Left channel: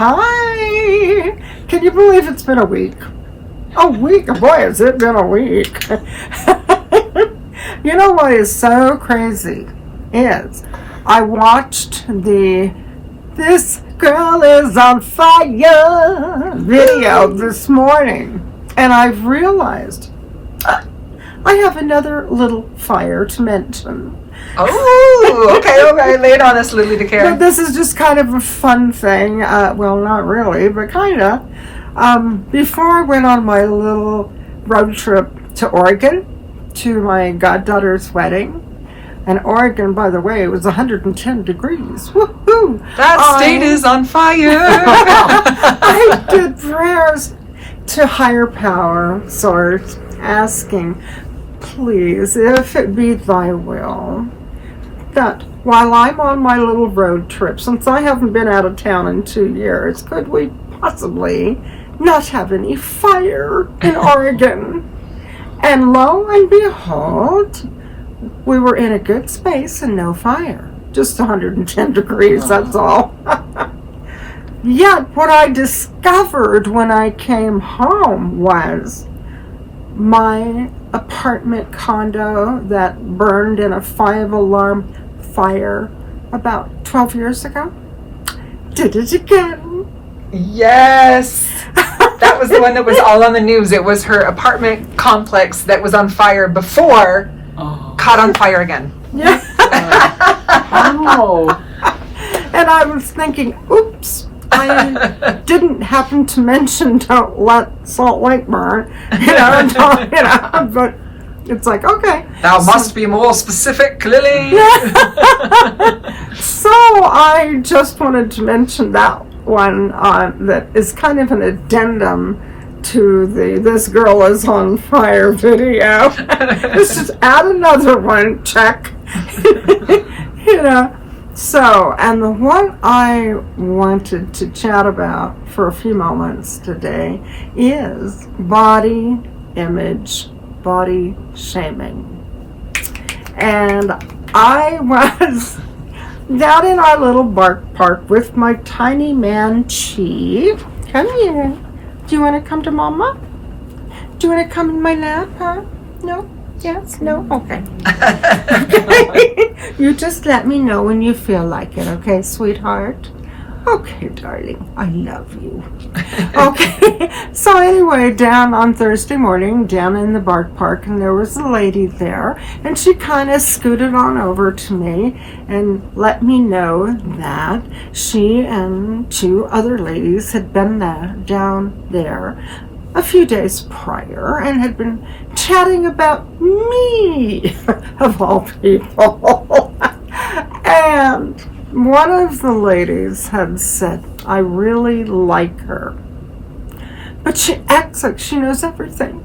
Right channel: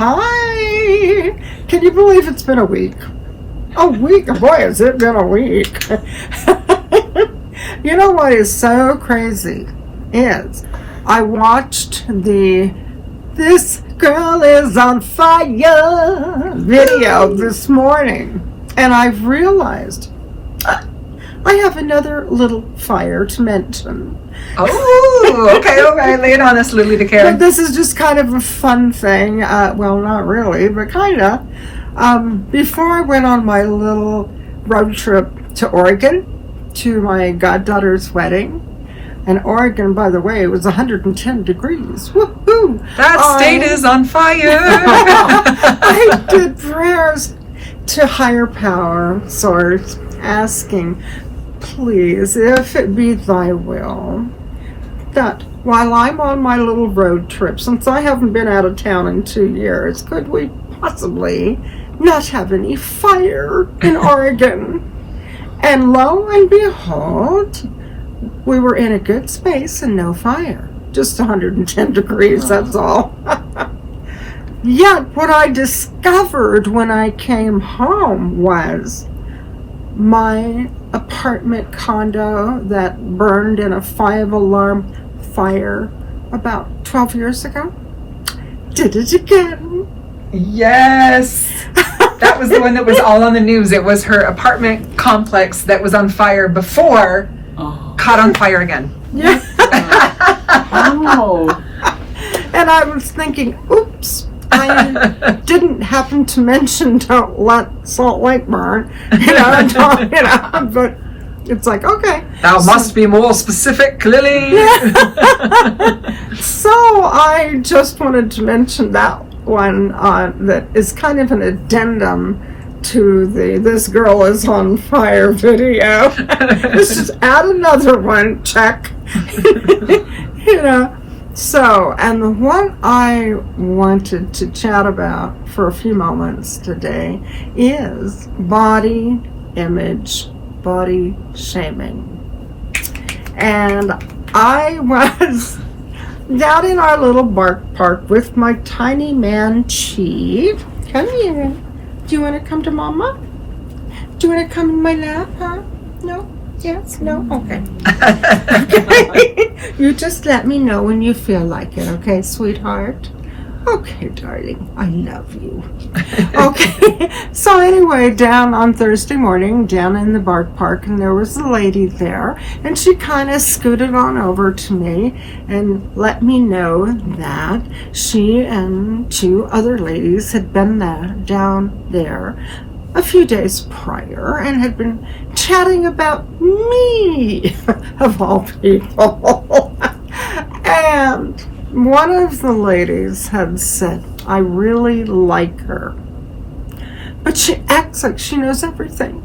Hi! Can you believe it's been a week? A week? Boy, has it been a week. You know what is so crazy is I watched the This Girl Is on Fire video this morning, and I've realized I have another little fire to mention. Oh, okay. Lay it on us, Lilli DeCair. But this is just kind of a fun thing. Well, not really, but kind of. Before I went on my little road trip to Oregon to my goddaughter's wedding, and Oregon, by the way, it was 110 degrees. Woohoo! That state is on fire. I did prayers to higher power source, asking, please, if it be thy will, that while I'm on my little road trip, since I haven't been out of town in 2 years, could we possibly not have any fire in Oregon? And lo and behold, we were in a good space and no fire. Just 110 degrees, that's all. Yet what I discovered when I came home was my apartment condo that burned in a 5-alarm fire about 12 years ago did it again. Yes. That was the one that was all on the news. It was her apartment complex that was on fire before caught on fire again. Yeah. Oh. And I was thinking, oops, I didn't happen to mention don't let Salt Lake burn, but it's like, okay. Thou must be more specific, Lilli. So I just wanted to mention that one that is kind of an addendum to the This Girl Is on Fire video. Let's just add another one, check. So, and the one I wanted to chat about for a few moments today is body image, body shaming. And I was down in our little park with my tiny man, Chi. Come here. Do you want to come to Mama? Do you want to come in my lap, huh? No? Yes? No? Okay. Okay. You just let me know when you feel like it, okay, sweetheart? Okay, darling. I love you. Okay. So anyway, down on Thursday morning, down in the park, and there was a lady there, and she kind of scooted on over to me and let me know that she and 2 other ladies had been down there a few days prior and had been chatting about me, of all people. And one of the ladies had said, I really like her, but she acts like she knows everything.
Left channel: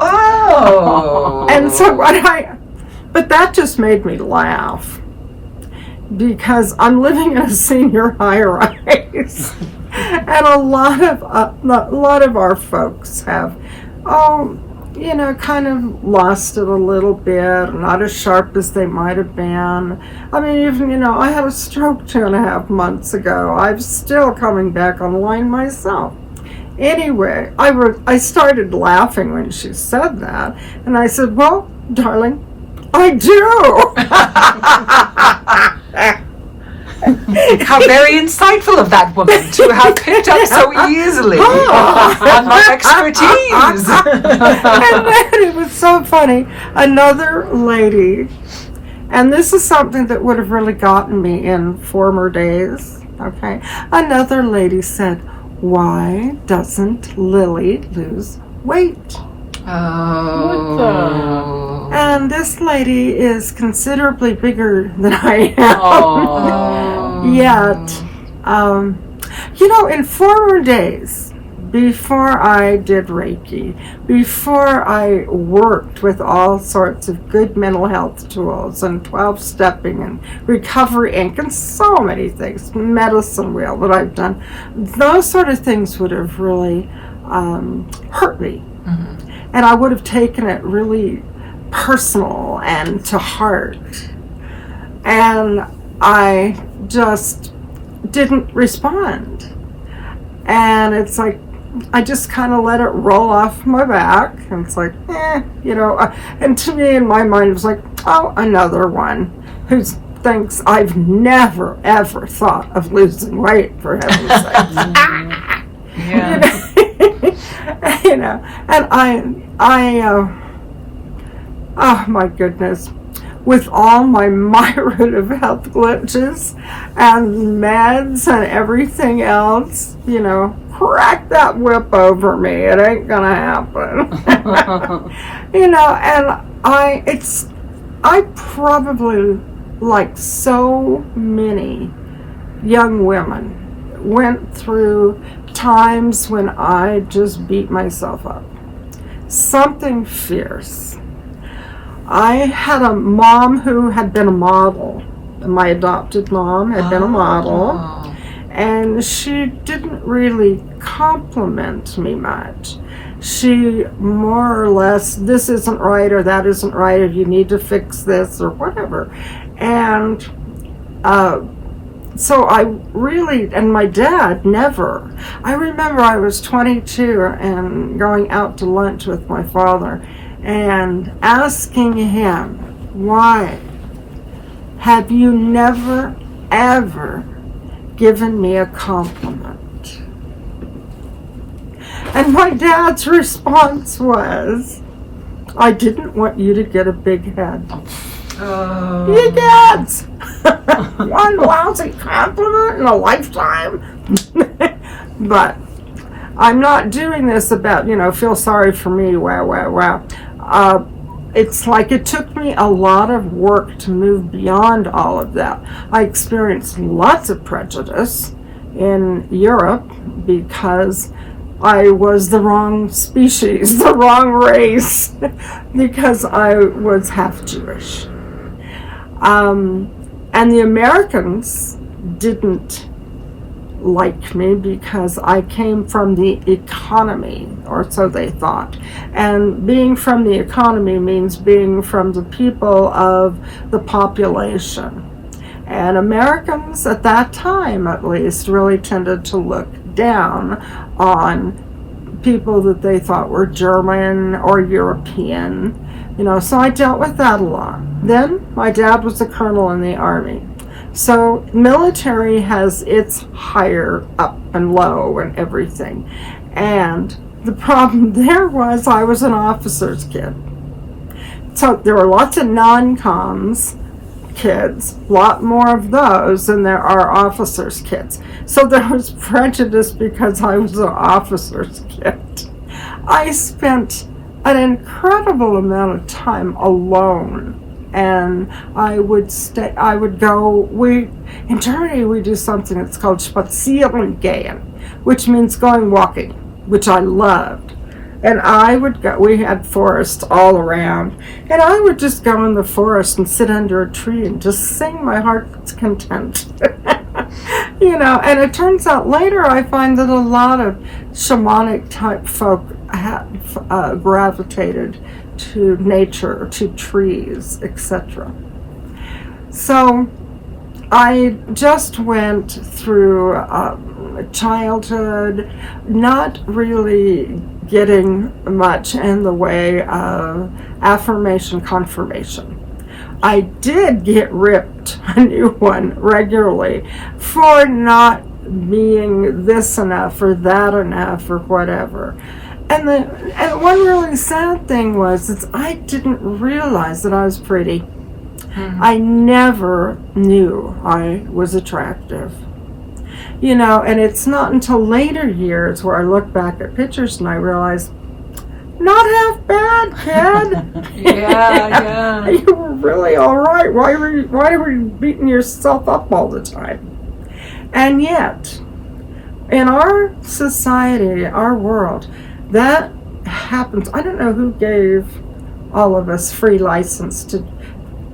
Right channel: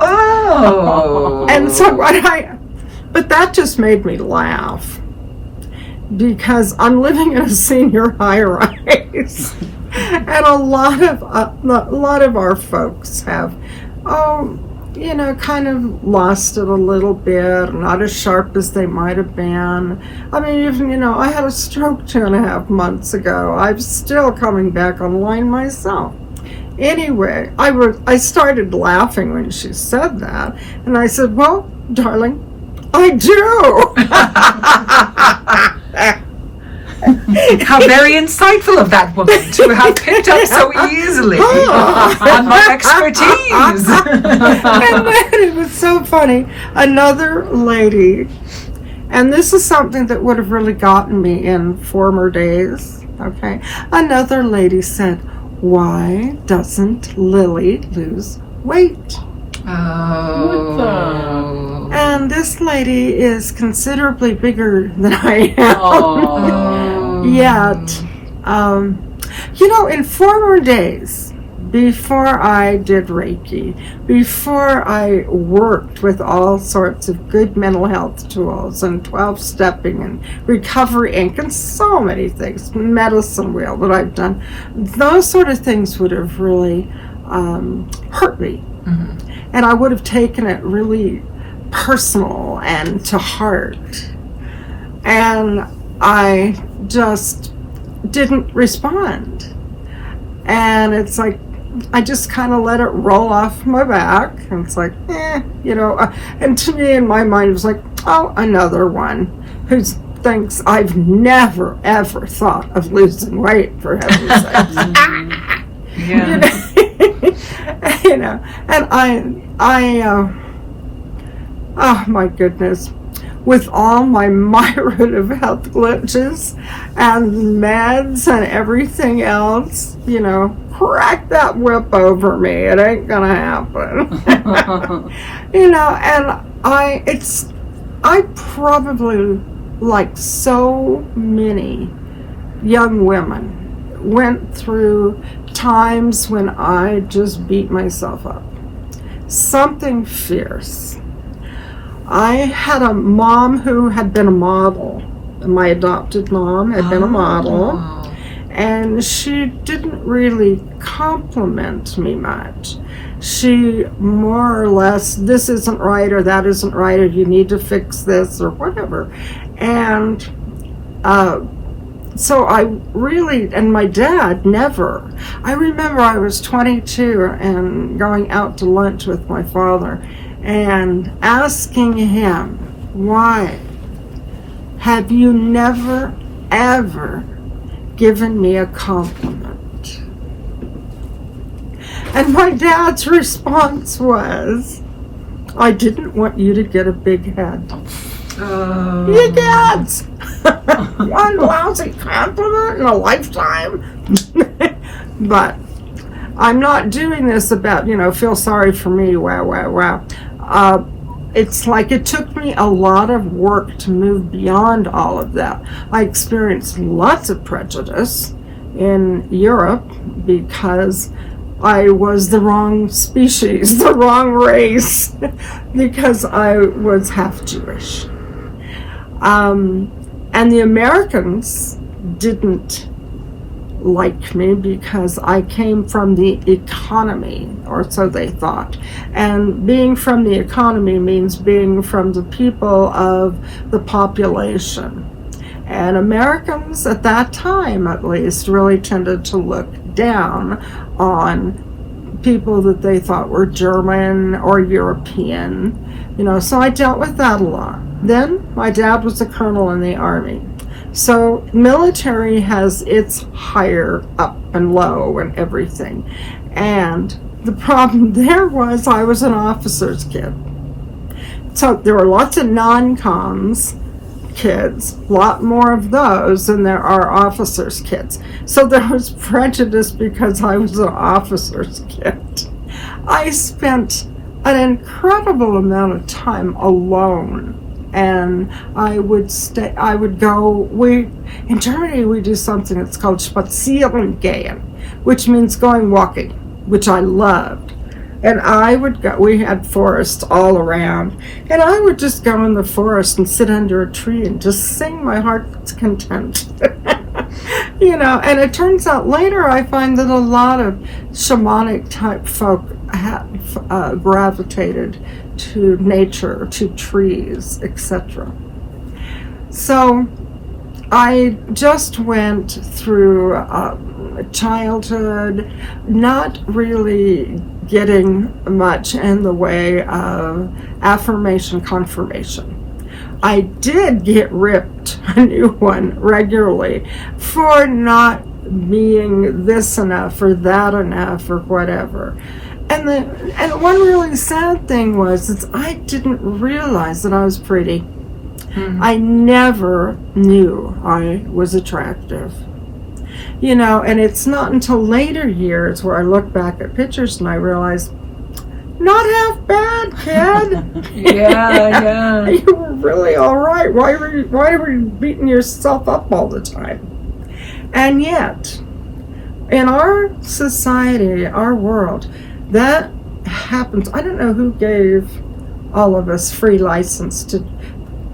Oh. And so but that just made me laugh, because I'm living in a senior high-rise, and a lot of our folks have, kind of lost it a little bit, not as sharp as they might have been. I mean, even, I had a stroke 2.5 months ago. I'm still coming back online myself. Anyway, I started laughing when she said that, and I said, well, darling, I do. How very insightful of that woman to have picked up so easily on my expertise. And then it was so funny. Another lady, and this is something that would have really gotten me in former days, okay? Another lady said, why doesn't Lilli lose weight? Oh. And this lady is considerably bigger than I am. Yet, in former days, before I did Reiki, before I worked with all sorts of good mental health tools and 12-stepping and Recovery Inc. and so many things, medicine wheel that I've done, those sort of things would have really hurt me. Mm-hmm. And I would have taken it really personal and to heart. And I just didn't respond. And it's like, I just kind of let it roll off my back. And it's like, and to me, in my mind, it was like, oh, another one who thinks I've never, ever thought of losing weight, for heaven's sake. Yeah. And oh my goodness, with all my myriad of health glitches and meds and everything else, crack that whip over me. It ain't gonna happen. And I probably, like so many young women, went through times when I just beat myself up. Something fierce. I had a mom who had been a model. My adopted mom had been a model. And she didn't really compliment me much. She more or less, this isn't right or that isn't right, or you need to fix this or whatever. And so I really, and my dad never. I remember I was 22 and going out to lunch with my father and asking him, why have you never, ever given me a compliment? And my dad's response was, I didn't want you to get a big head. You get one lousy compliment in a lifetime. But I'm not doing this about, feel sorry for me, wow. It's like it took me a lot of work to move beyond all of that. I experienced lots of prejudice in Europe because I was the wrong species, the wrong race, because I was half Jewish. And the Americans didn't like me because I came from the economy, or so they thought. And being from the economy means being from the people of the population. And Americans at that time, at least, really tended to look down on people that they thought were German or European. So I dealt with that a lot. Then my dad was a colonel in the army. So military has its higher up and low and everything. And the problem there was I was an officer's kid. So there were lots of non-coms kids, a lot more of those than there are officers' kids. So there was prejudice because I was an officer's kid. I spent an incredible amount of time alone. And I would go, in Germany we do something that's called spazieren gehen, which means walking, which I loved. And I would go, we had forests all around, and I would just go in the forest and sit under a tree and just sing my heart's content. And it turns out later I find that a lot of shamanic type folk have gravitated to nature, to trees, etc. So I just went through childhood, not really getting much in the way of affirmation, confirmation. I did get ripped a new one regularly for not being this enough or that enough or whatever. And one really sad thing was I didn't realize that I was pretty. Mm-hmm. I never knew I was attractive. And it's not until later years where I look back at pictures and I realize, not half bad, kid. Yeah. You were really all right. Why were you beating yourself up all the time? And yet, in our society, our world, that happens. I don't know who gave all of us free license to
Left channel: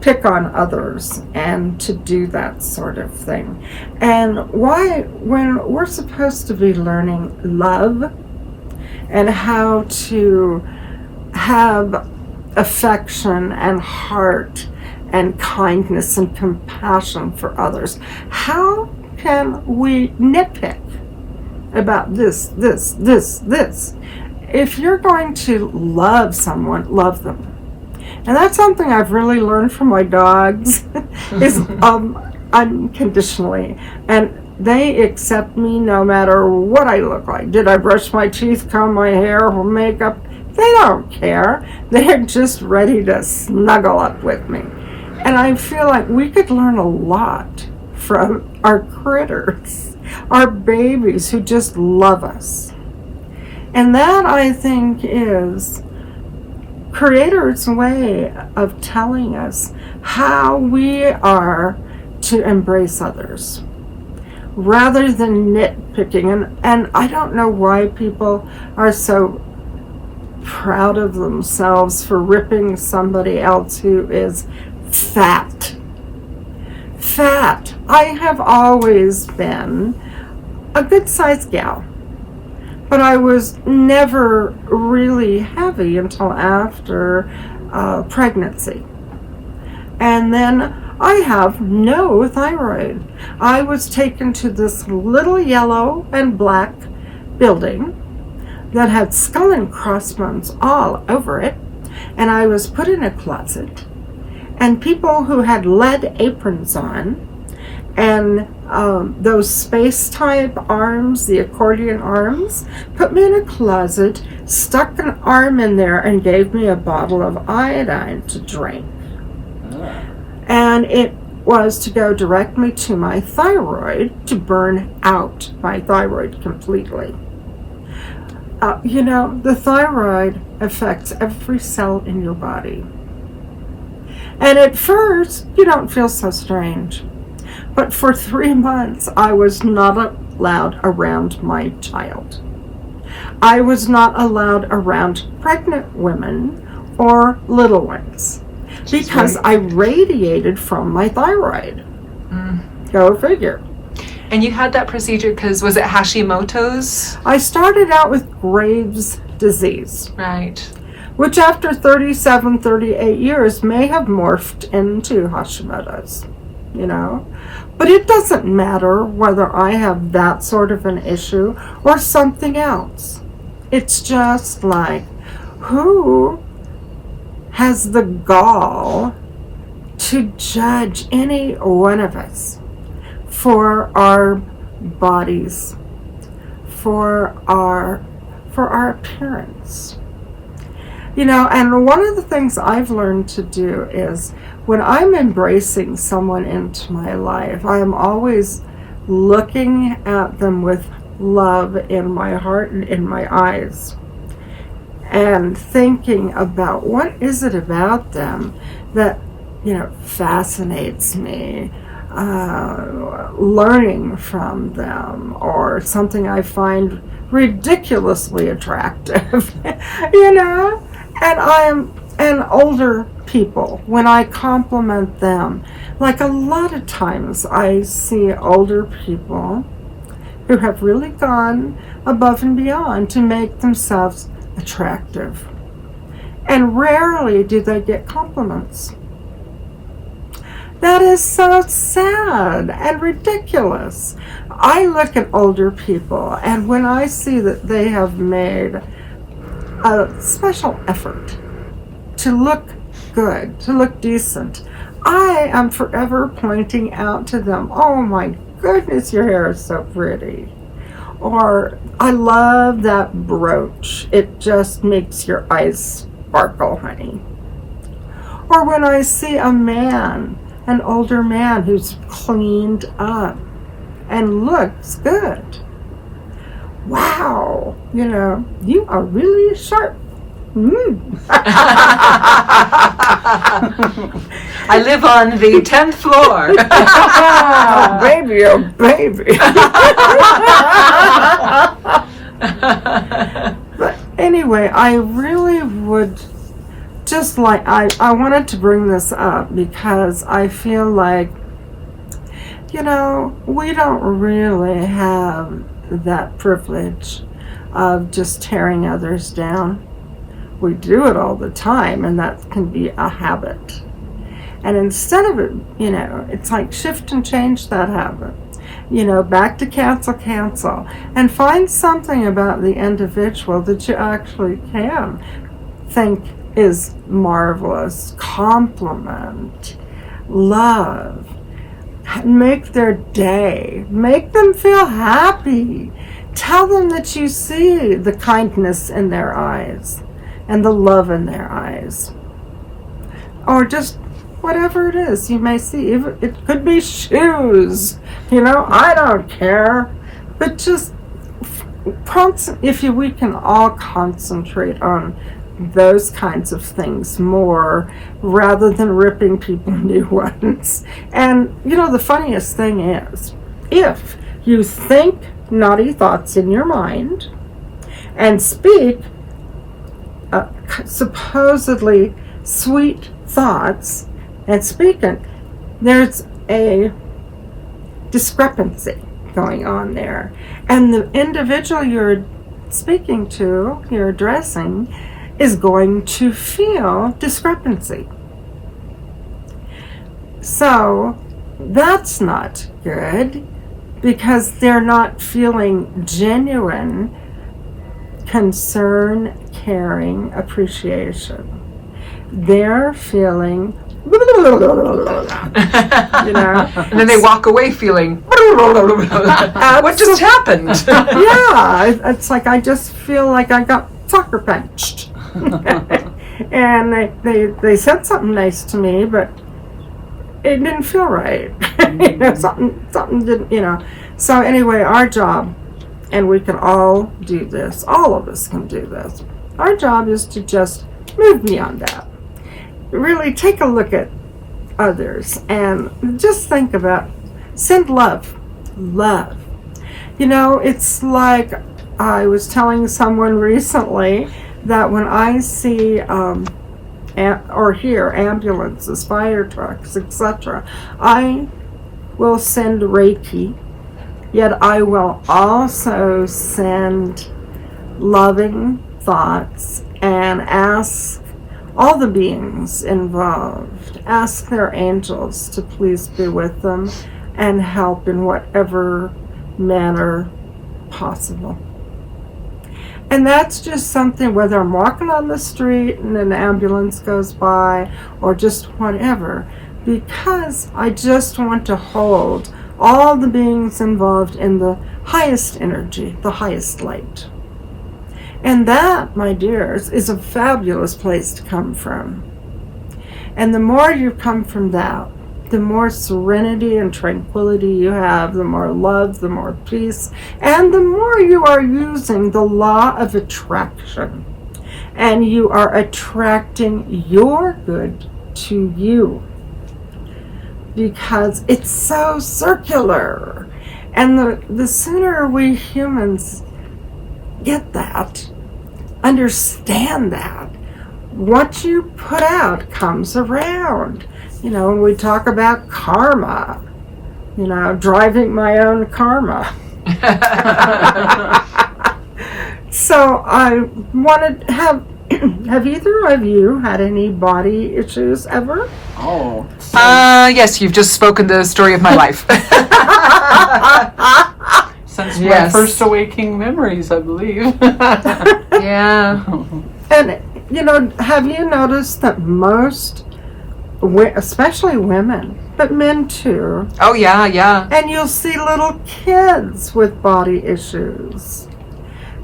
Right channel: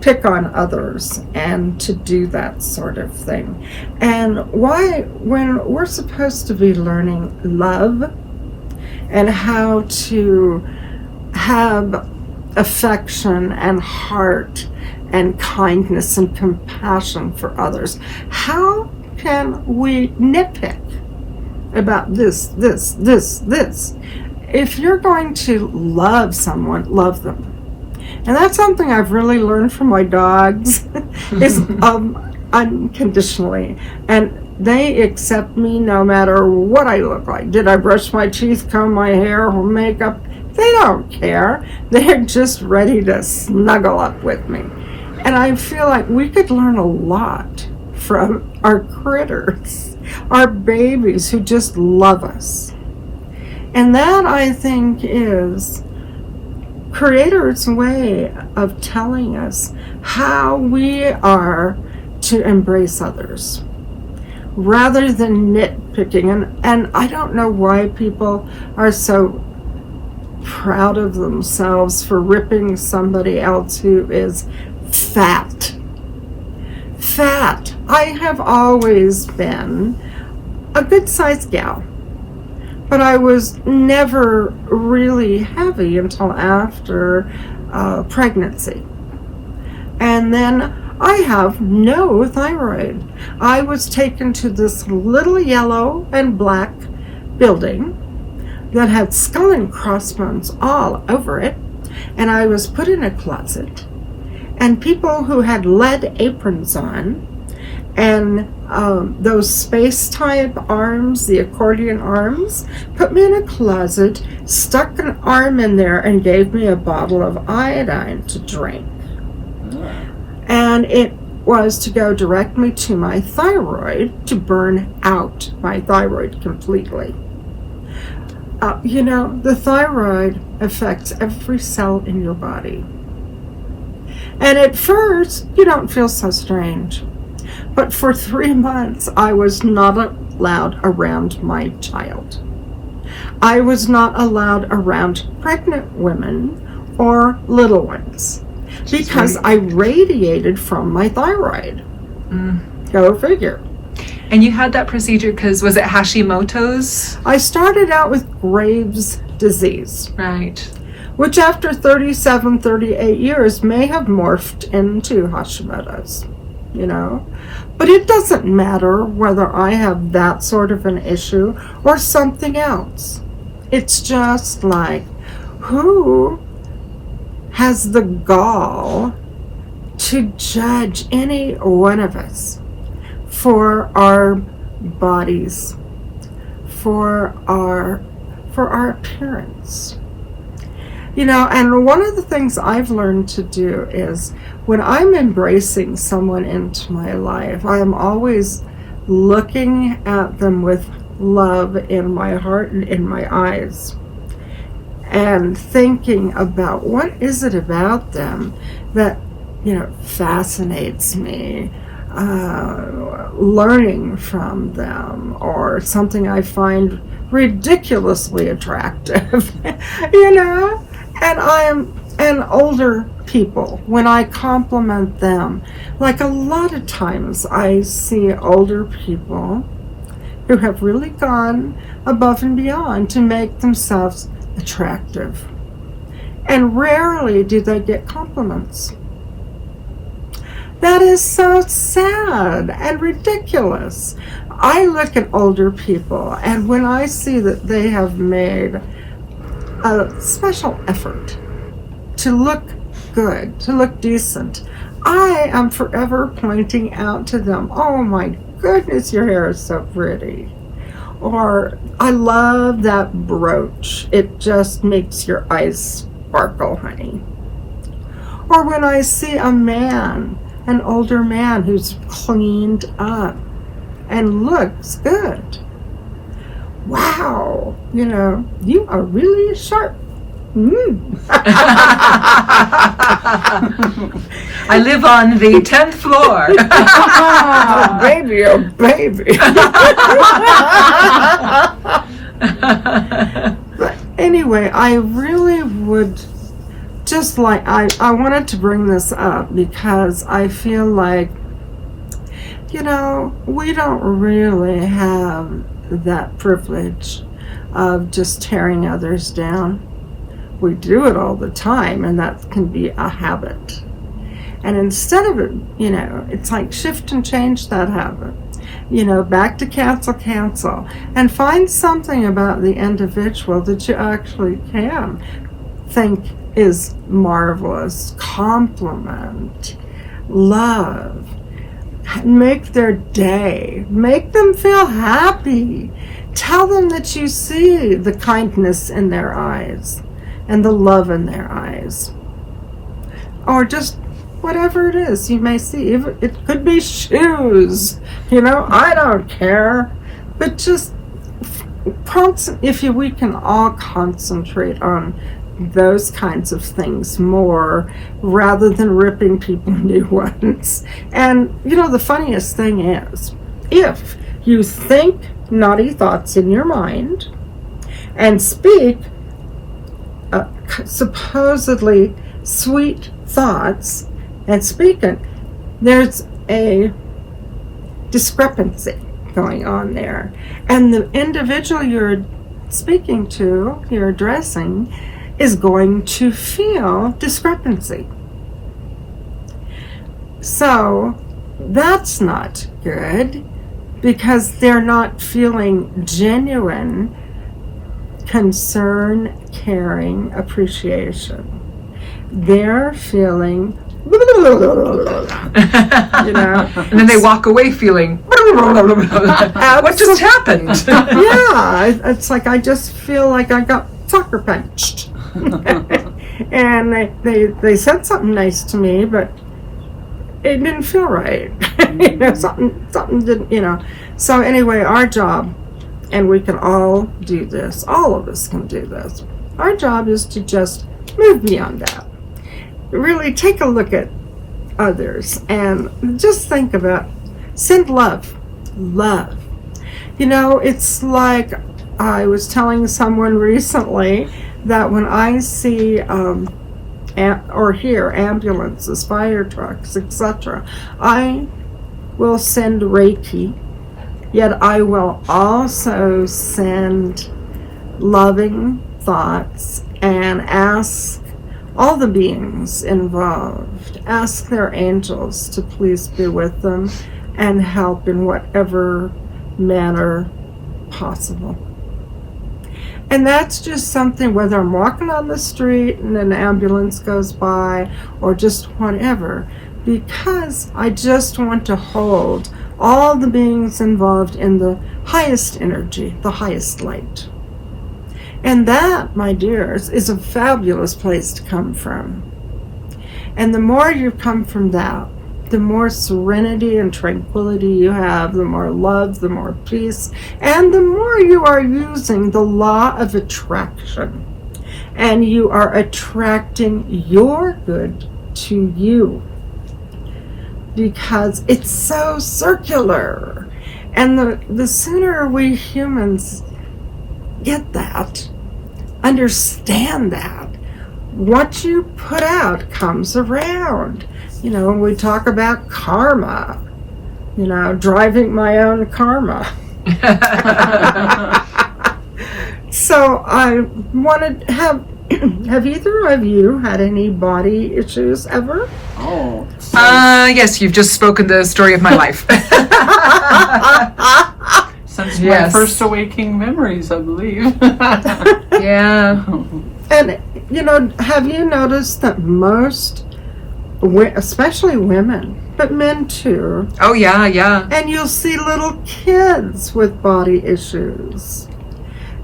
pick on others and to do that sort of thing. And why, when we're supposed to be learning love and how to have affection and heart and kindness and compassion for others, how can we nitpick about this. If you're going to love someone, love them. And that's something I've really learned from my dogs, is unconditionally. And they accept me no matter what I look like. Did I brush my teeth, comb my hair, or makeup? They don't care. They're just ready to snuggle up with me. And I feel like we could learn a lot from our critters, our babies who just love us. And that, I think, is Creator's way of telling us how we are to embrace others, rather than nitpicking. And I don't know why people are so proud of themselves for ripping somebody else who is fat. I have always been a good-sized gal, but I was never really heavy until after pregnancy. And then I have no thyroid. I was taken to this little yellow and black building that had skull and crossbones all over it, and I was put in a closet. And people who had lead aprons on and those space-type arms, the accordion arms, put me in a closet, stuck an arm in there, and gave me a bottle of iodine to drink. And it was to go direct me to my thyroid, to burn out my thyroid completely. The thyroid affects every cell in your body. And at first, you don't feel so strange. But for 3 months, I was not allowed around my child. I was not allowed around pregnant women or little ones because I radiated from my thyroid. Go figure. And you had that procedure because, was it Hashimoto's? I started out with Graves' disease. Right. Which after 37, 38 years may have morphed into Hashimoto's, But it doesn't matter whether I have that sort of an issue or something else. It's just like, who has the gall to judge any one of us for our bodies, for our appearance? And one of the things I've learned to do is when I'm embracing someone into my life, I am always looking at them with love in my heart and in my eyes, and thinking about what is it about them that, fascinates me, learning from them, or something I find ridiculously attractive, And older people, when I compliment them, like a lot of times I see older people who have really gone above and beyond to make themselves attractive. And rarely do they get compliments. That is so sad and ridiculous. I look at older people, and when I see that they have made a special effort to look good, to look decent, I am forever pointing out to them, oh my goodness, your hair is so pretty. Or, I love that brooch. It just makes your eyes sparkle, honey. Or when I see a man, an older man who's cleaned up and looks good. Wow, you are really sharp. I live on the 10th floor. Oh, baby, oh, baby. But anyway, I really would just like, I wanted to bring this up because I feel like, we don't really have that privilege of just tearing others down. We do it all the time, and that can be a habit. And instead of it, it's like shift and change that habit. back to cancel, and find something about the individual that you actually can think is marvelous, compliment, love, make their day, make them feel happy, tell them that you see the kindness in their eyes and the love in their eyes, or just whatever it is you may see. It could be shoes, I don't care, but just we can all concentrate on those kinds of things more rather than ripping people new ones. And the funniest thing is, if you think naughty thoughts in your mind and speak supposedly sweet thoughts and speaking, there's a discrepancy going on there, and the individual you're speaking to, you're addressing, is going to feel discrepancy. So that's not good, because they're not feeling genuine concern, caring, appreciation. They're feeling and then they walk away feeling what just happened? Yeah, it's like I just feel like I got sucker punched. And they said something nice to me, but it didn't feel right. Something didn't, So anyway, our job, and we can all do this, all of us can do this, our job is to just move beyond that. Really take a look at others and just think about, send love. It's like I was telling someone recently that when I see or hear ambulances, fire trucks, etc., I will send Reiki, yet I will also send loving thoughts and ask all the beings involved, ask their angels to please be with them and help in whatever manner possible. And that's just something, whether I'm walking on the street and an ambulance goes by or just whatever, because I just want to hold all the beings involved in the highest energy, the highest light. And that, my dears, is a fabulous place to come from. And the more you come from that, the more serenity and tranquility you have, the more love, the more peace, and the more you are using the law of attraction. And you are attracting your good to you, because it's so circular. And the sooner we humans get that, understand that, what you put out comes around. When we talk about karma, driving my own karma. So I wanted to have either of you had any body issues ever? Oh. Yes, you've just spoken the story of my life. Since my first awakening memories, I believe. Yeah. And, have you noticed that most, especially women, but men too. Oh, yeah. And you'll see little kids with body issues.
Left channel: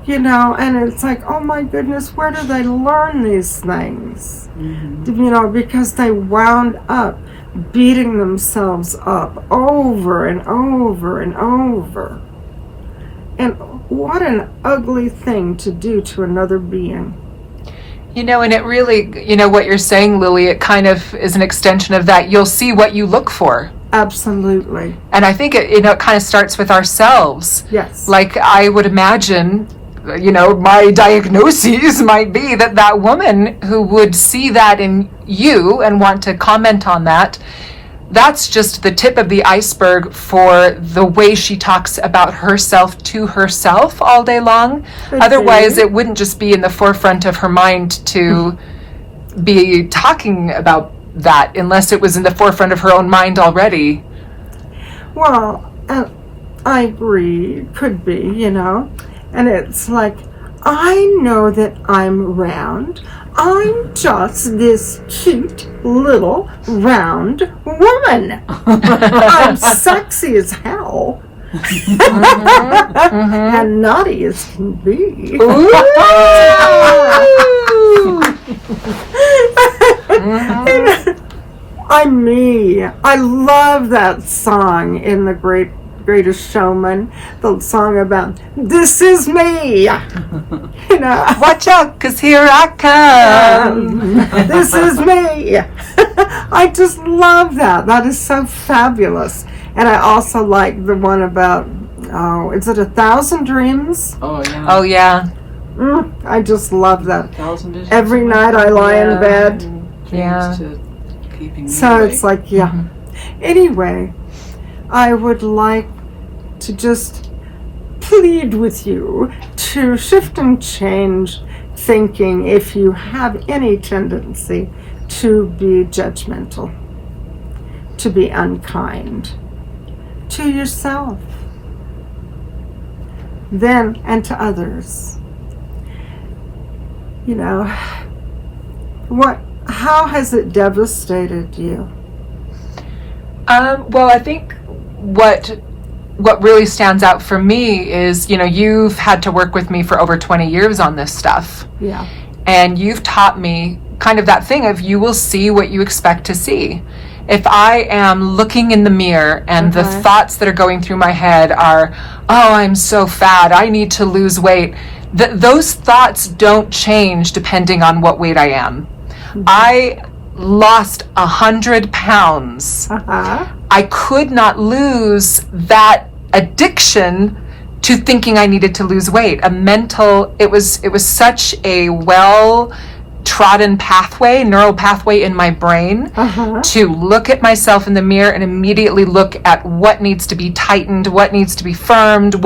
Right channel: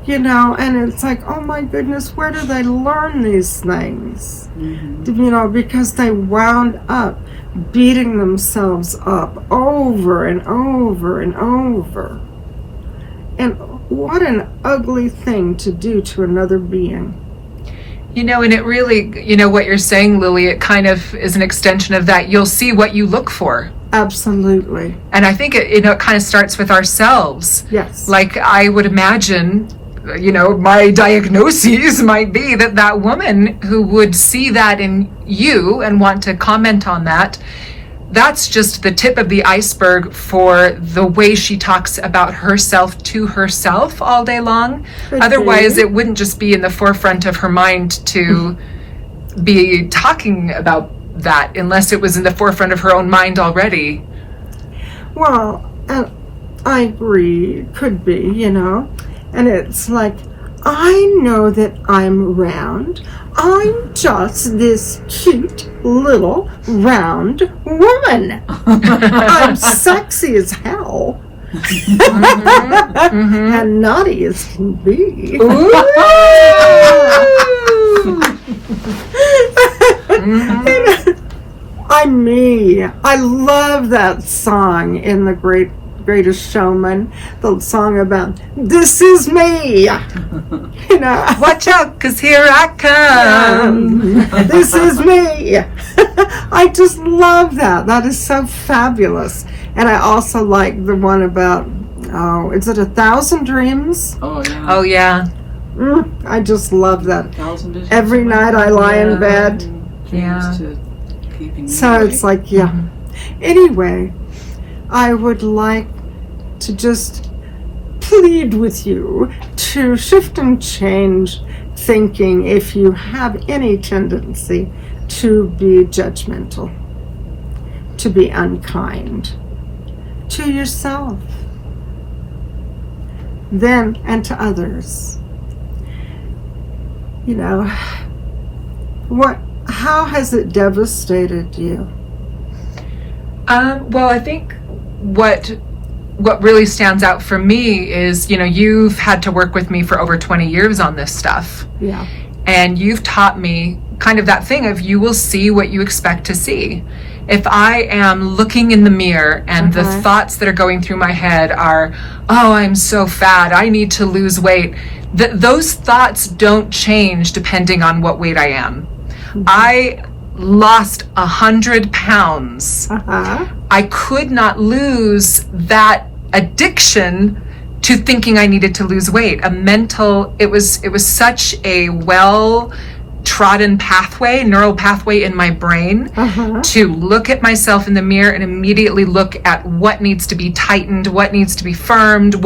And it's like, oh my goodness, where do they learn these things? Mm-hmm. Because they wound up beating themselves up over and over and over. And what an ugly thing to do to another being. And it really, what you're saying, Lily, it kind of is an extension of that. You'll see what you look for. Absolutely. And I think it kind of starts with ourselves. Yes. Like I would imagine, my diagnoses might be that woman who would see that in you and want to comment on that, that's just the tip of the iceberg for the way she talks about herself to herself all day long. Otherwise, it wouldn't just be in the forefront of her mind to be talking about that, unless it was in the forefront of her own mind already. Well, I agree, could be, you know. And it's like, I know that I'm round. I'm just this cute little round woman. I'm sexy as hell. And naughty as can be. I'm me. I love that song in The Greatest Showman, the song about this is me. You know, watch out, 'cause here I come. This is me. I just love that. That is so fabulous. And I also like the one about, is it 1,000 Dreams? Oh, yeah. Oh, yeah. I just love that. Every night I lie in bed. Yeah. So it's like, yeah. Anyway, I would like to just plead with you to shift and change thinking if you have any tendency to be judgmental, to be unkind to yourself, then and to others. You know, how has it devastated you? Well, I think what really stands out for me is, you know, you've had to work with me for over 20 years on this stuff. Yeah. And you've taught me kind of that thing of you will see what you expect to see. If I am looking in the mirror and the thoughts that are going through my head are, oh, I'm so fat, I need to lose weight, those thoughts don't change depending on what weight I am. I lost 100 pounds. I could not lose that addiction to thinking I needed to lose weight. It was such a well-trodden pathway, neural pathway in my brain to look at myself in the mirror and immediately look at what needs to be tightened, what needs to be firmed,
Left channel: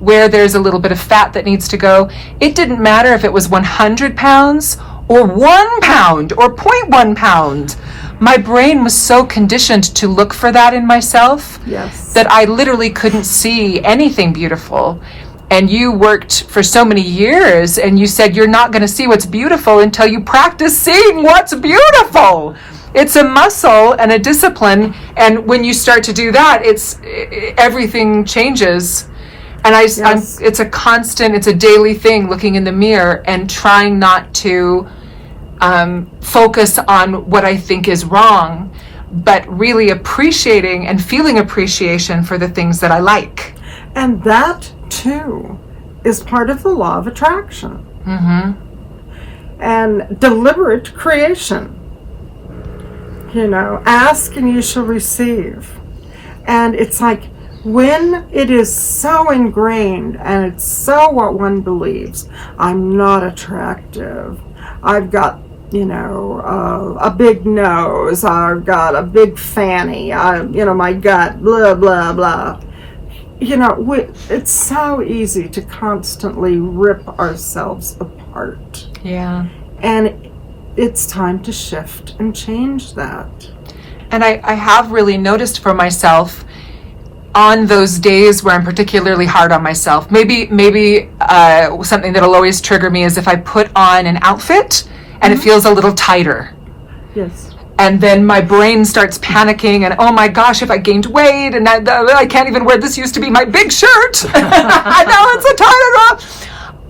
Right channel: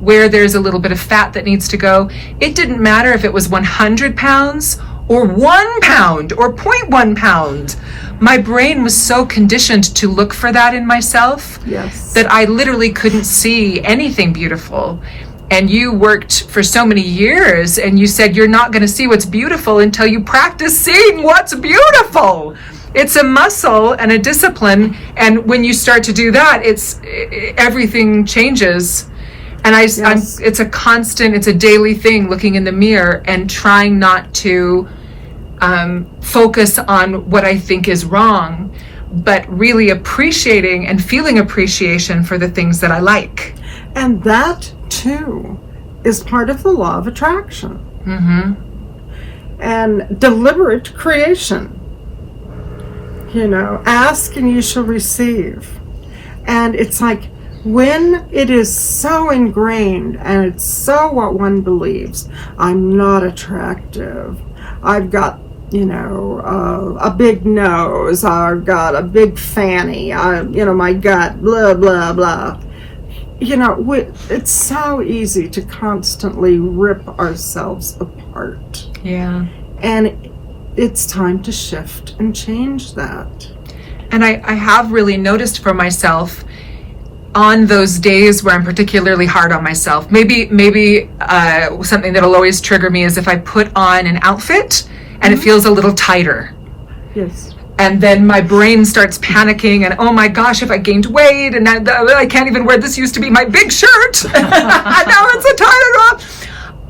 where there's a little bit of fat that needs to go. It didn't matter if it was 100 pounds or 1 pound or 0.1 pound. My brain was so conditioned to look for that in myself that I literally couldn't see anything beautiful. And you worked for so many years and you said you're not going to see what's beautiful until you practice seeing what's beautiful. It's a muscle and a discipline, and when you start to do that, everything changes. And it's a constant, it's a daily thing, looking in the mirror and trying not to focus on what I think is wrong, but really appreciating and feeling appreciation for the things that I like. And that too is part of the law of attraction. And deliberate creation. You know, ask and you shall receive. And it's like, when it is so ingrained and it's so what one believes, I'm not attractive, I've got, you know, a big nose, I've got a big fanny, you know, my gut, blah, blah, blah. You know, it's so easy to constantly rip ourselves apart. Yeah. And it's time to shift and change that. And I have really noticed for myself, on those days where I'm particularly hard on myself, maybe something that'll always trigger me is if I put on an outfit and it feels a little tighter. Yes. And then my brain starts panicking and, oh my gosh, if I gained weight and I can't even wear, this used to be my big shirt. Now it's a tighter.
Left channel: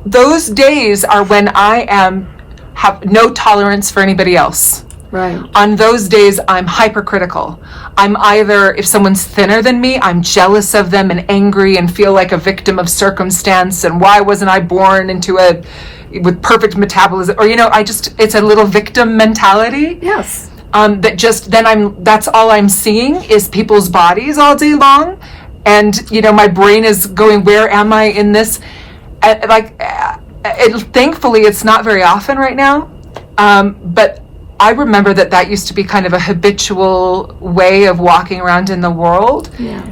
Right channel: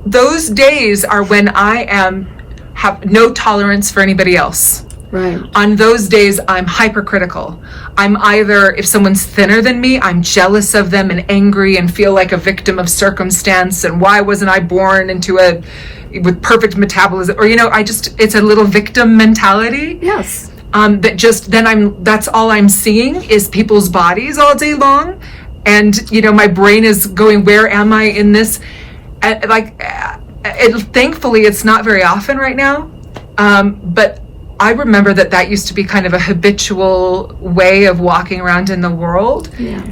Those days are when I have no tolerance for anybody else. Right. On those days, I'm hypercritical. I'm either, if someone's thinner than me, I'm jealous of them and angry and feel like a victim of circumstance and why wasn't I born with perfect metabolism, or, you know, it's a little victim mentality. Yes. That's all I'm seeing is people's bodies all day long. And, you know, my brain is going, where am I in this? Thankfully, it's not very often right now. But I remember that used to be kind of a habitual way of walking around in the world. Yeah.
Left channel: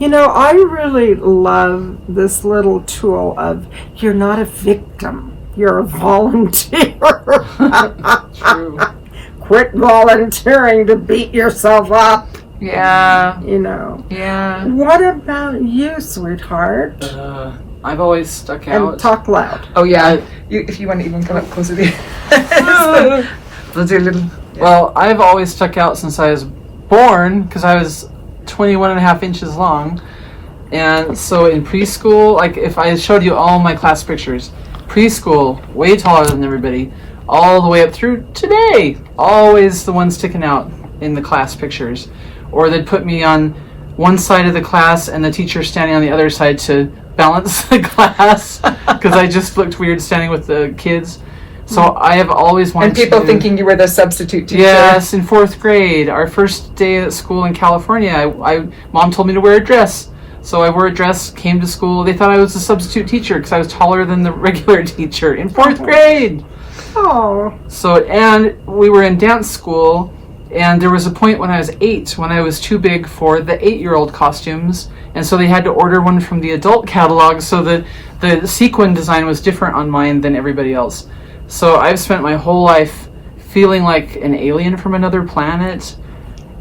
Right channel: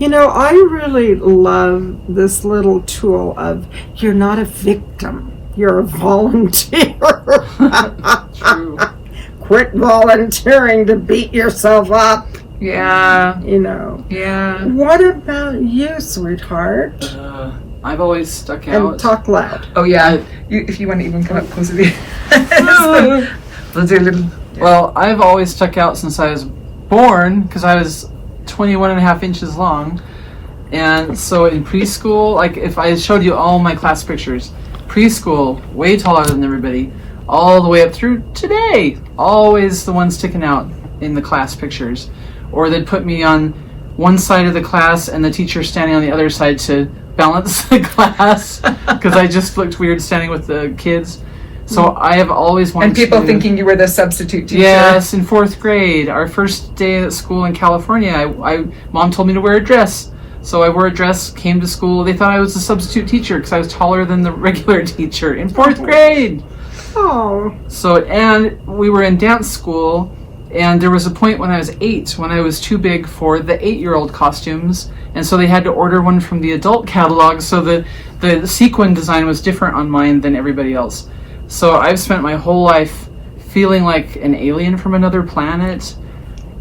You know, I really love this little tool of, you're not a victim, you're a volunteer. Quit volunteering to beat yourself up. Yeah. You know. Yeah. What about you, sweetheart? I've always stuck out. And talk loud. Oh, yeah. If you want to even come up closer to me. Let's do a little... Well, I've always stuck out since I was born, because I was 21 and a half inches long. And so in preschool, like if I showed you all my class pictures, preschool, way taller than everybody, all the way up through today, always the one sticking out in the class pictures. Or they'd put me on one side of the class and the teacher standing on the other side to balance the class, because I just looked weird standing with the kids. So I have always wanted And people thinking you were the substitute teacher. Yes, in 4th grade, our first day at school in California, Mom told me to wear a dress. So I wore a dress, came to school. They thought I was a substitute teacher because I was taller than the regular teacher in 4th grade. Oh. So, and we were in dance school, and there was a point when I was 8 when I was too big for the 8-year-old costumes, and so they had to order one from the adult catalog, so the sequin design was different on mine than everybody else. So I've spent my whole life feeling like an alien from another planet,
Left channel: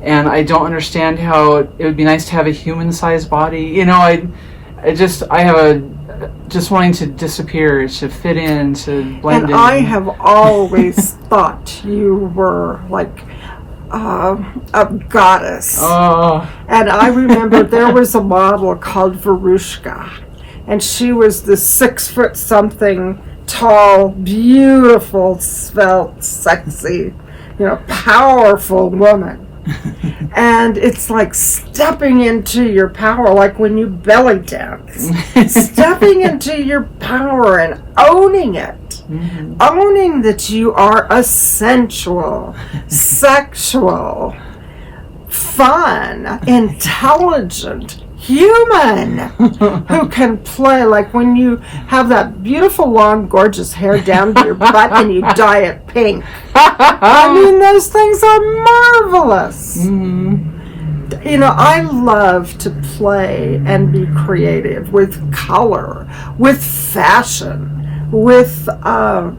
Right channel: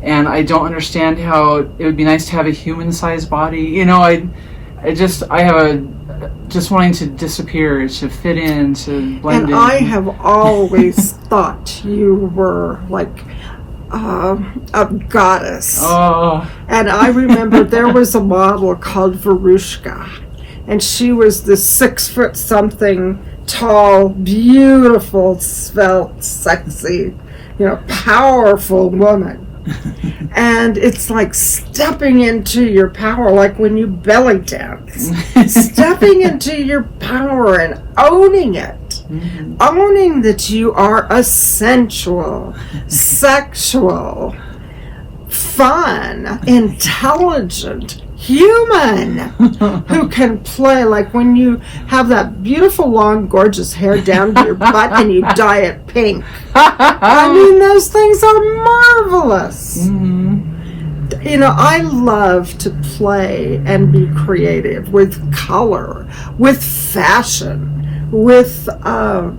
and I don't understand how it would be nice to have a human-sized body. You know, I have a just wanting to disappear, to fit in, to blend in. And I have always thought you were like a goddess. Oh. And I remember there was a model called Verushka, and she was this 6-foot-something tall, beautiful, svelte, sexy, powerful woman. And it's like stepping into your power, like when you belly dance. Stepping into your power and owning it. Mm-hmm. Owning that you are a sensual, sexual, fun, intelligent human who can play, like when you have that beautiful long gorgeous hair down to your butt and you dye it pink. I mean, those things are marvelous. Mm-hmm. I love to play and be creative with color, with fashion, with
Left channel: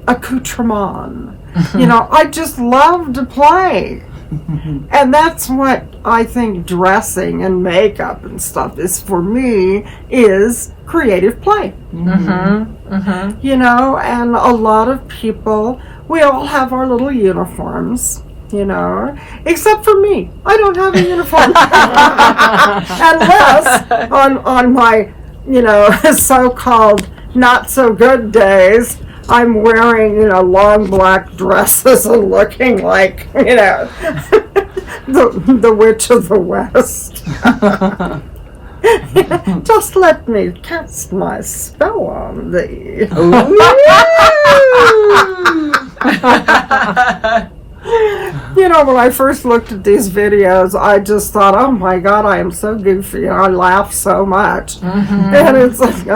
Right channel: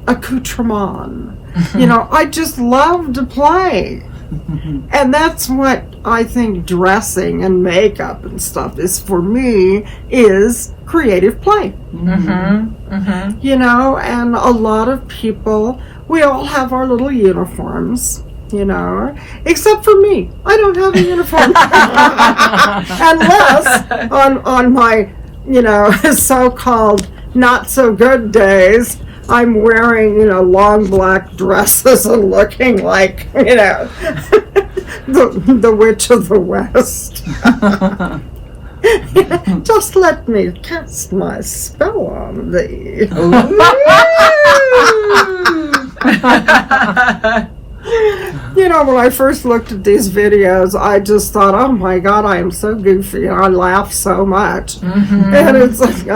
accoutrement. I just love to play. And that's what I think dressing and makeup and stuff is for me, is creative play. Mm-hmm. Mm-hmm. And a lot of people, we all have our little uniforms, except for me. I don't have a uniform. Unless on my, so-called not so good days, I'm wearing, long black dresses and looking like, the Witch of the West. Just let me cast my spell on thee. When I first looked at these videos, I just thought, oh my God, I am so goofy. And I laugh so much. Mm-hmm. And it's like,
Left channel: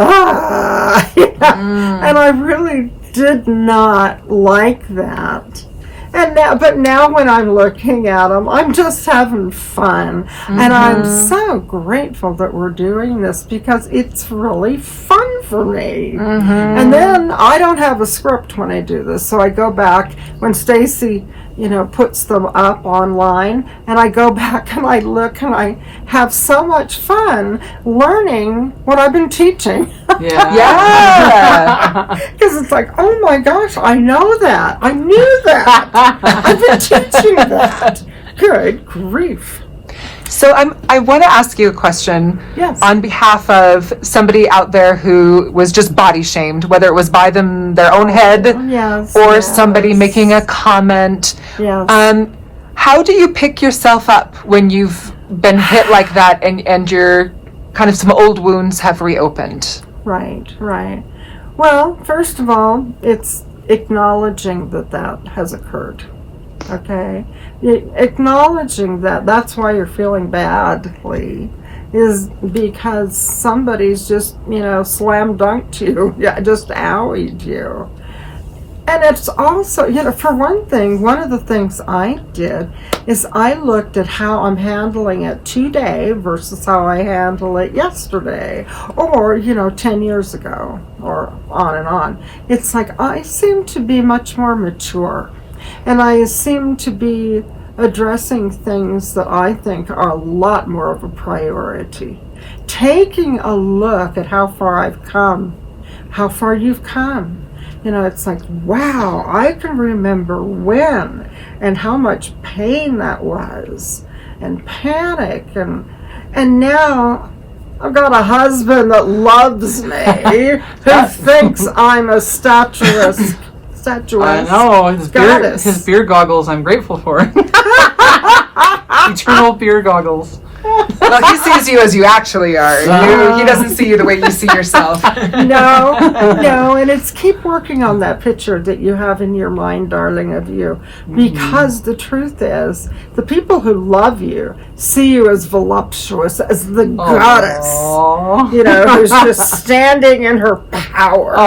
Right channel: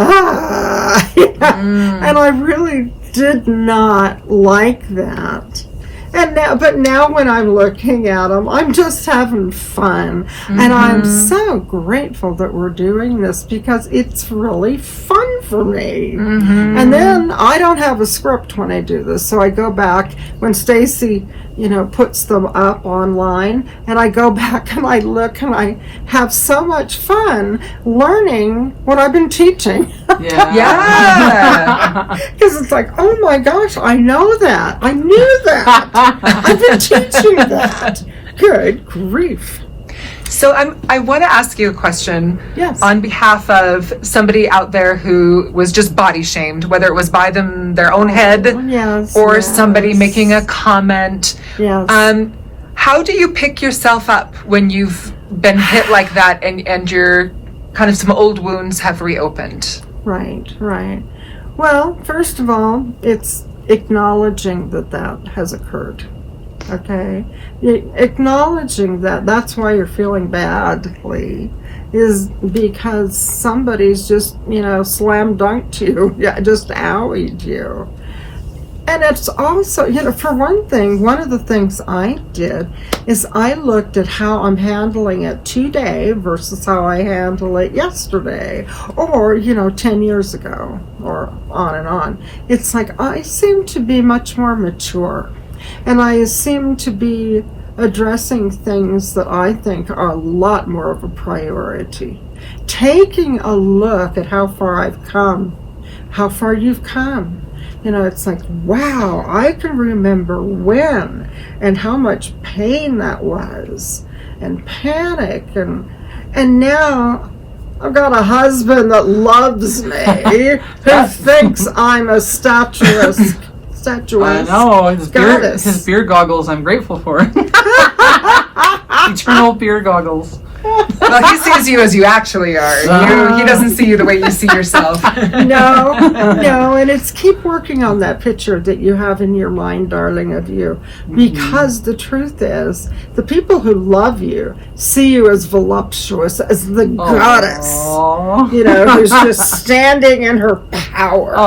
And I really did not like that. But now when I'm looking at them, I'm just having fun. Mm-hmm. And I'm so grateful that we're doing this, because it's really fun for me. Mm-hmm. And then I don't have a script when I do this. So I go back when Stacy, puts them up online, and I go back and I look and I have so much fun learning what I've been teaching. Yeah. Because it's like, oh my gosh, I know that. I knew that. I've been teaching that. Good grief. So I want to ask you a question. Yes. On behalf of somebody out there who was just body shamed, whether it was by their own head, yes, or somebody making a comment. Yes. How do you pick yourself up when you've been hit like that, and your kind of some old wounds have reopened? Right. Well, first of all, it's acknowledging that has occurred. Okay? Acknowledging that's why you're feeling badly, is because somebody's just, slam dunked you, just owied you. And it's also, for one thing, one of the things I did is I looked at how I'm handling it today versus how I handle it yesterday, or, 10 years ago, or on and on. It's like I seem to be much more mature, and I seem to be addressing things that I think are a lot more of a priority. Taking a look at how far I've come, how far you've come. You know, it's like, wow, I can remember when and how much pain that was, and panic, and now I've got a husband that loves me, who thinks I'm a statuesque I know, his beer goggles I'm grateful for. Eternal beer goggles. Well, he sees you as you actually are. He doesn't see you the way you see yourself. No, and it's keep working on that picture that you have in your mind, darling, of you. Because the truth is, the people who love you see you as voluptuous, as the goddess. You know, who's just standing in her power.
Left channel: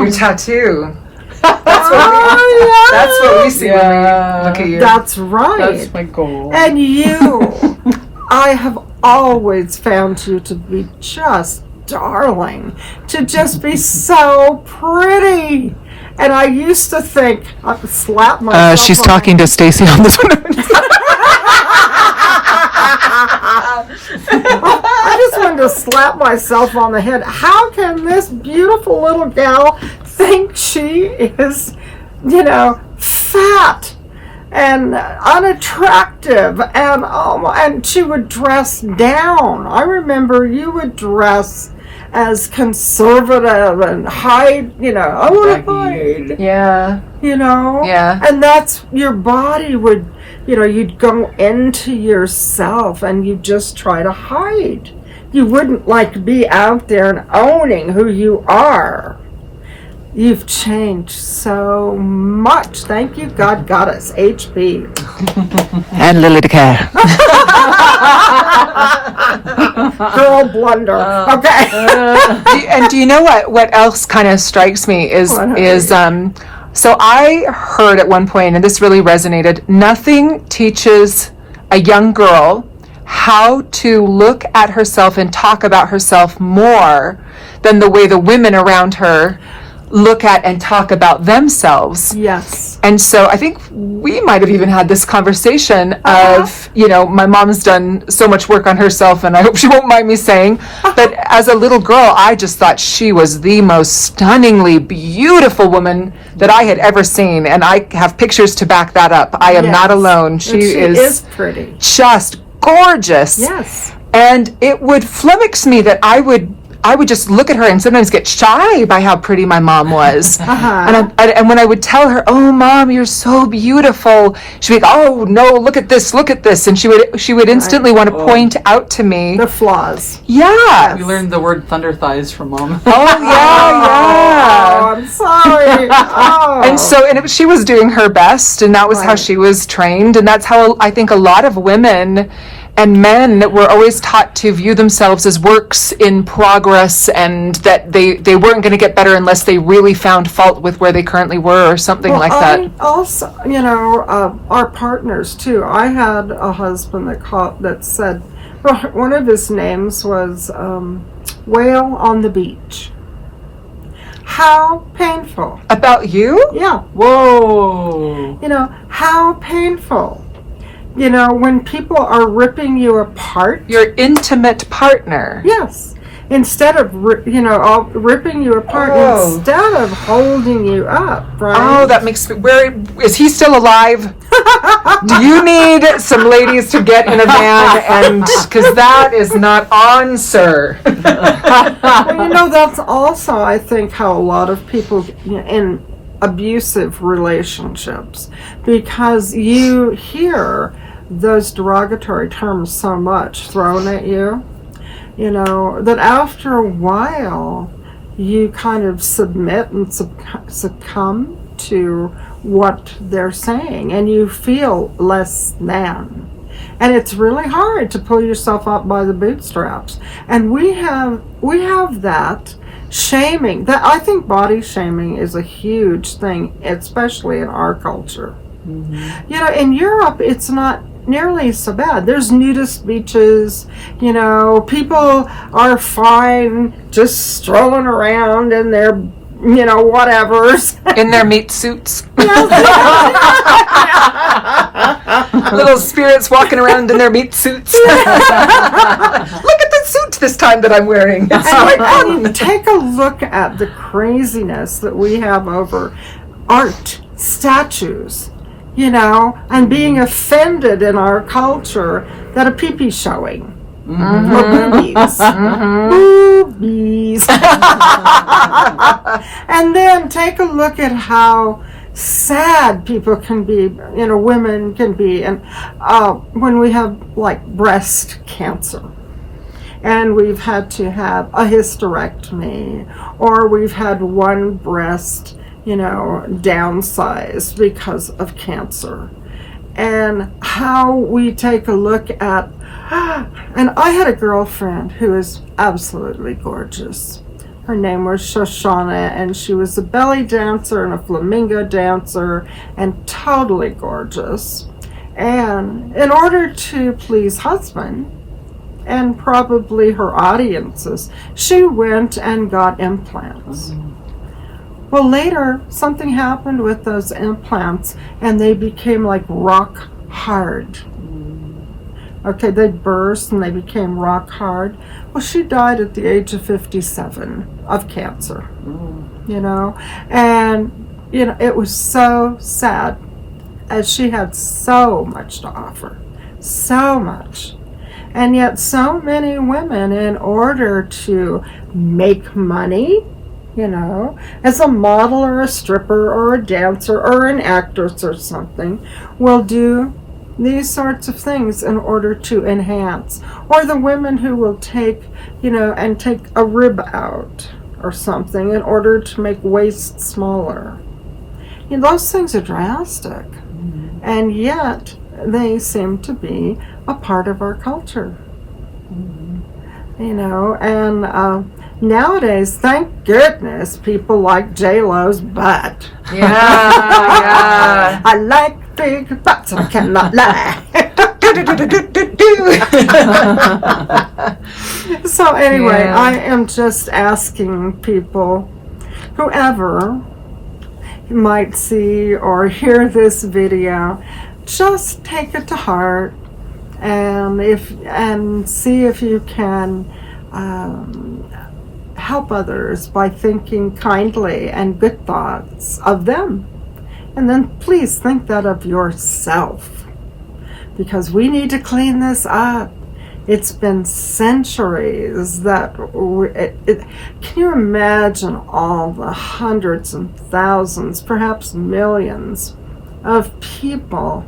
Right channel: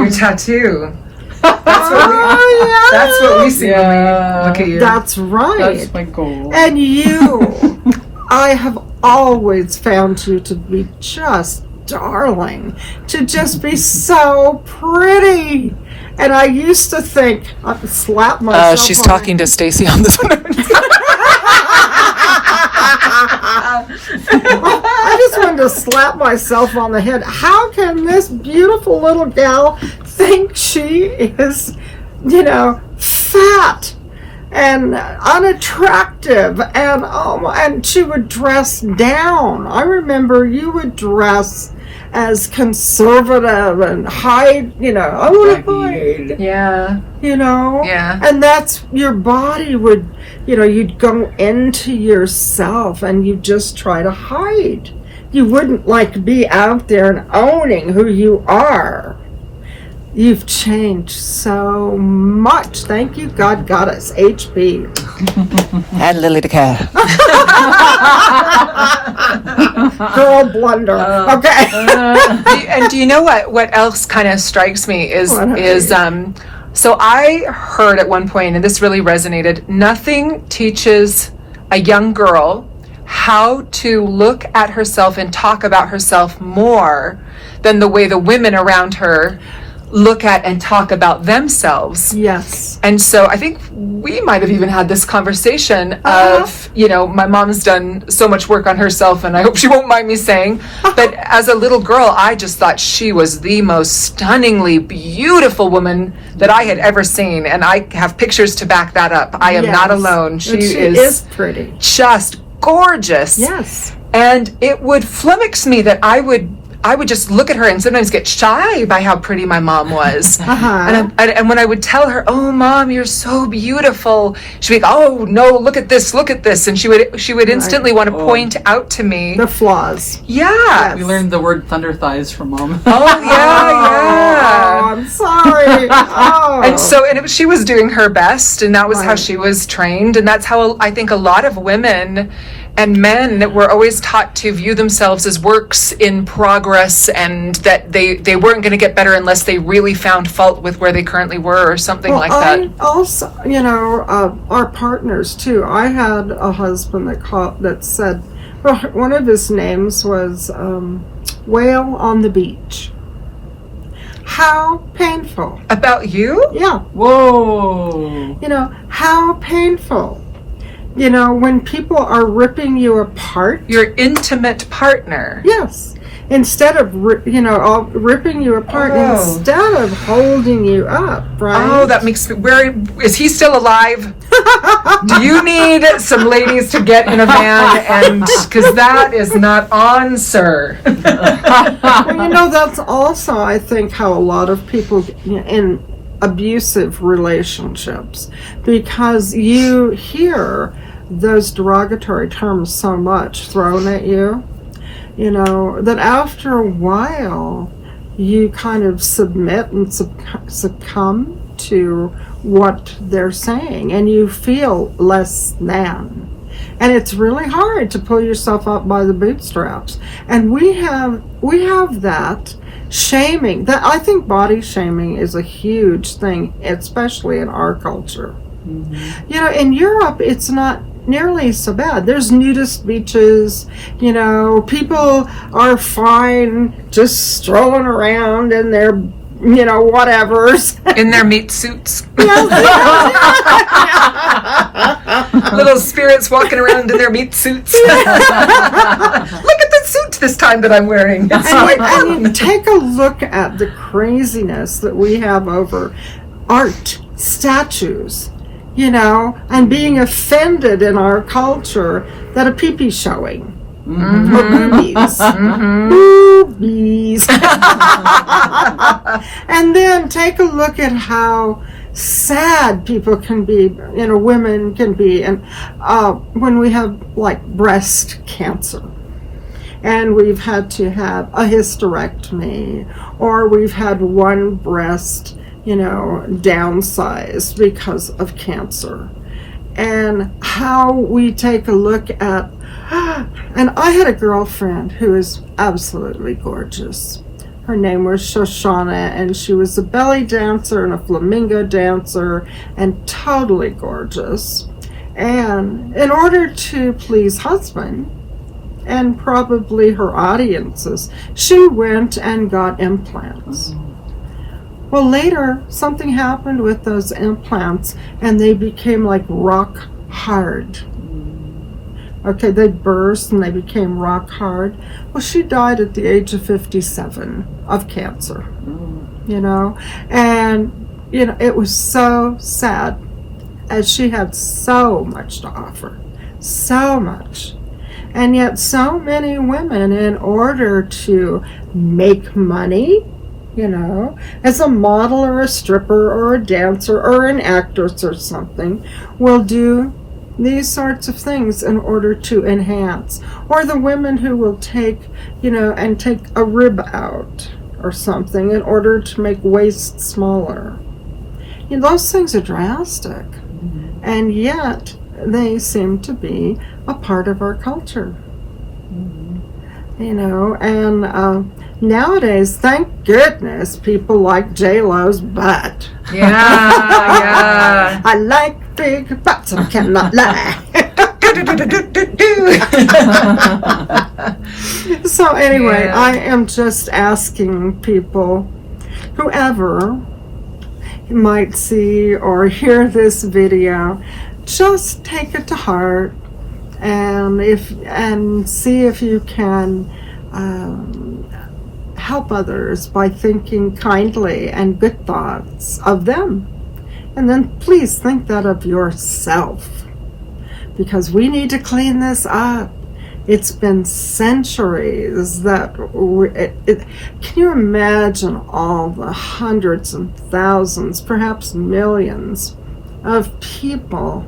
Your tattoo. Yeah. That's what we see when we look at you. That's right. That's my goal. And you, I have always found you to be just darling, to just be so pretty. And I used to think I could slap myself. She's talking to Stacy on this one. I just wanted to slap myself on the head. How can this beautiful little gal think she is, you know, fat and unattractive, and she would dress down. I remember you would dress as conservative and hide, you know, I want to hide. Yeah. You know? Yeah. And that's, your body would, you know, you'd go into yourself and you just try to hide. You wouldn't like be out there and owning who you are. You've changed so much. Thank you, God got us. HP. And Lilli DeCair. Girl blunder. Okay. And do you know what else kind of strikes me is so I heard at one point, and this really resonated, nothing teaches a young girl how to look at herself and talk about herself more than the way the women around her look at and talk about themselves. Yes. And so I think we might have even had this conversation of, you know, my mom's done so much work on herself, and I hope she won't mind me saying, but as a little girl, I just thought she was the most stunningly beautiful woman that I had ever seen, and I have pictures to back that up. I am not alone. She is pretty. Just gorgeous. Yes. And it would flummox me that I would just look at her and sometimes get shy by how pretty my mom was. And when I would tell her, "Oh, Mom, you're so beautiful," she'd be like, "Oh no, look at this," and she would instantly want to point out to me the flaws. Yeah. We learned the word thunder thighs from Mom. Oh yeah. Oh, I'm sorry. Oh. And she was doing her best, and that was how she was trained, and that's how I think a lot of women and men were always taught to view themselves as works in progress, and that they weren't going to get better unless they really found fault with where they currently were or something like that. I also, you know, our partners too. I had a husband that said, well, one of his names was Whale on the Beach. How painful. About you? Yeah. Whoa. You know, how painful. You know, when people are ripping you apart. Your intimate partner. Yes. Instead of, ripping you apart, instead of holding you up, right? Oh, that makes me... Is he still alive? Do you need some ladies to get in a van? Because that is not on, sir. Well, you know, that's also, I think, how a lot of people in abusive relationships, because you hear those derogatory terms so much thrown at you, you know, that after a while you kind of submit and succumb to what they're saying, and you feel less than. And it's really hard to pull yourself up by the bootstraps. And we have that shaming. That, I think body shaming is a huge thing, especially in our culture. Mm-hmm. You know, in Europe, it's not nearly so bad. There's nudist beaches, you know, people are fine just strolling around in their whatevers. In their meat suits. Yes. Little spirits walking around in their meat suits. Look at the suit this time that I'm wearing. It's so And fun. take a look at the craziness that we have over art, statues, and being offended in our culture that a pee-pee showing. Or boobies. Boobies. And then take a look at how sad people can be, women can be, and when we have like breast cancer. And we've had to have a hysterectomy, or we've had one breast, downsized because of cancer. And how we take a look at, and I had a girlfriend who is absolutely gorgeous. Her name was Shoshana, and she was a belly dancer and a flamingo dancer, and totally gorgeous. And in order to please husband, and probably her audiences, she went and got implants. Well, later, something happened with those implants, and they became like rock hard. Okay, they burst and they became rock hard. Well, she died at the age of 57 of cancer, and, it was so sad, as she had so much to offer, so much. And yet so many women, in order to make money, as a model or a stripper or a dancer or an actress or something, will do these sorts of things in order to enhance. Or the women who will take, and take a rib out or something in order to make waist smaller. Those things are drastic. And yet they seem to be a part of our culture. And nowadays, thank goodness, people like J-Lo's butt. Yeah. I like big butts, and I cannot lie. So anyway, Yeah. I am just asking people, whoever might see or hear this video, just take it to heart, and see if you can help others by thinking kindly and good thoughts of them. And then please think that of yourself, because we need to clean this up. It's been centuries that can you imagine all the hundreds and thousands, perhaps millions of people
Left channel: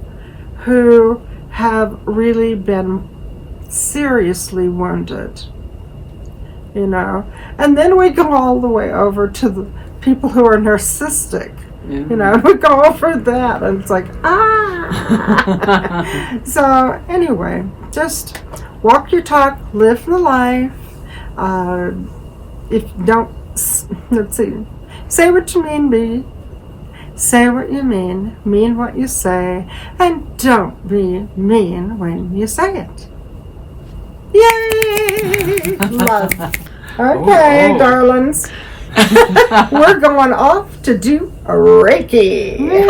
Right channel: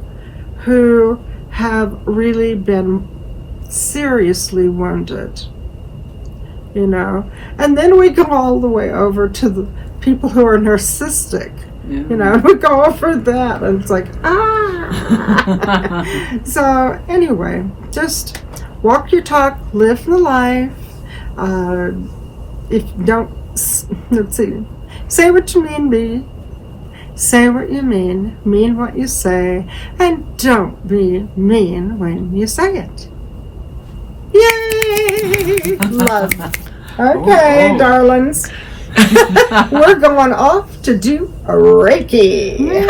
who have really been seriously wounded, and then we go all the way over to the people who are narcissistic, we go over that, and it's like, So anyway, just walk your talk, live the life. If you don't, let's see, say what you mean, say what you mean what you say, and don't be mean when you say it. Yay! Love. Okay, darlings. We're going off to do a Reiki.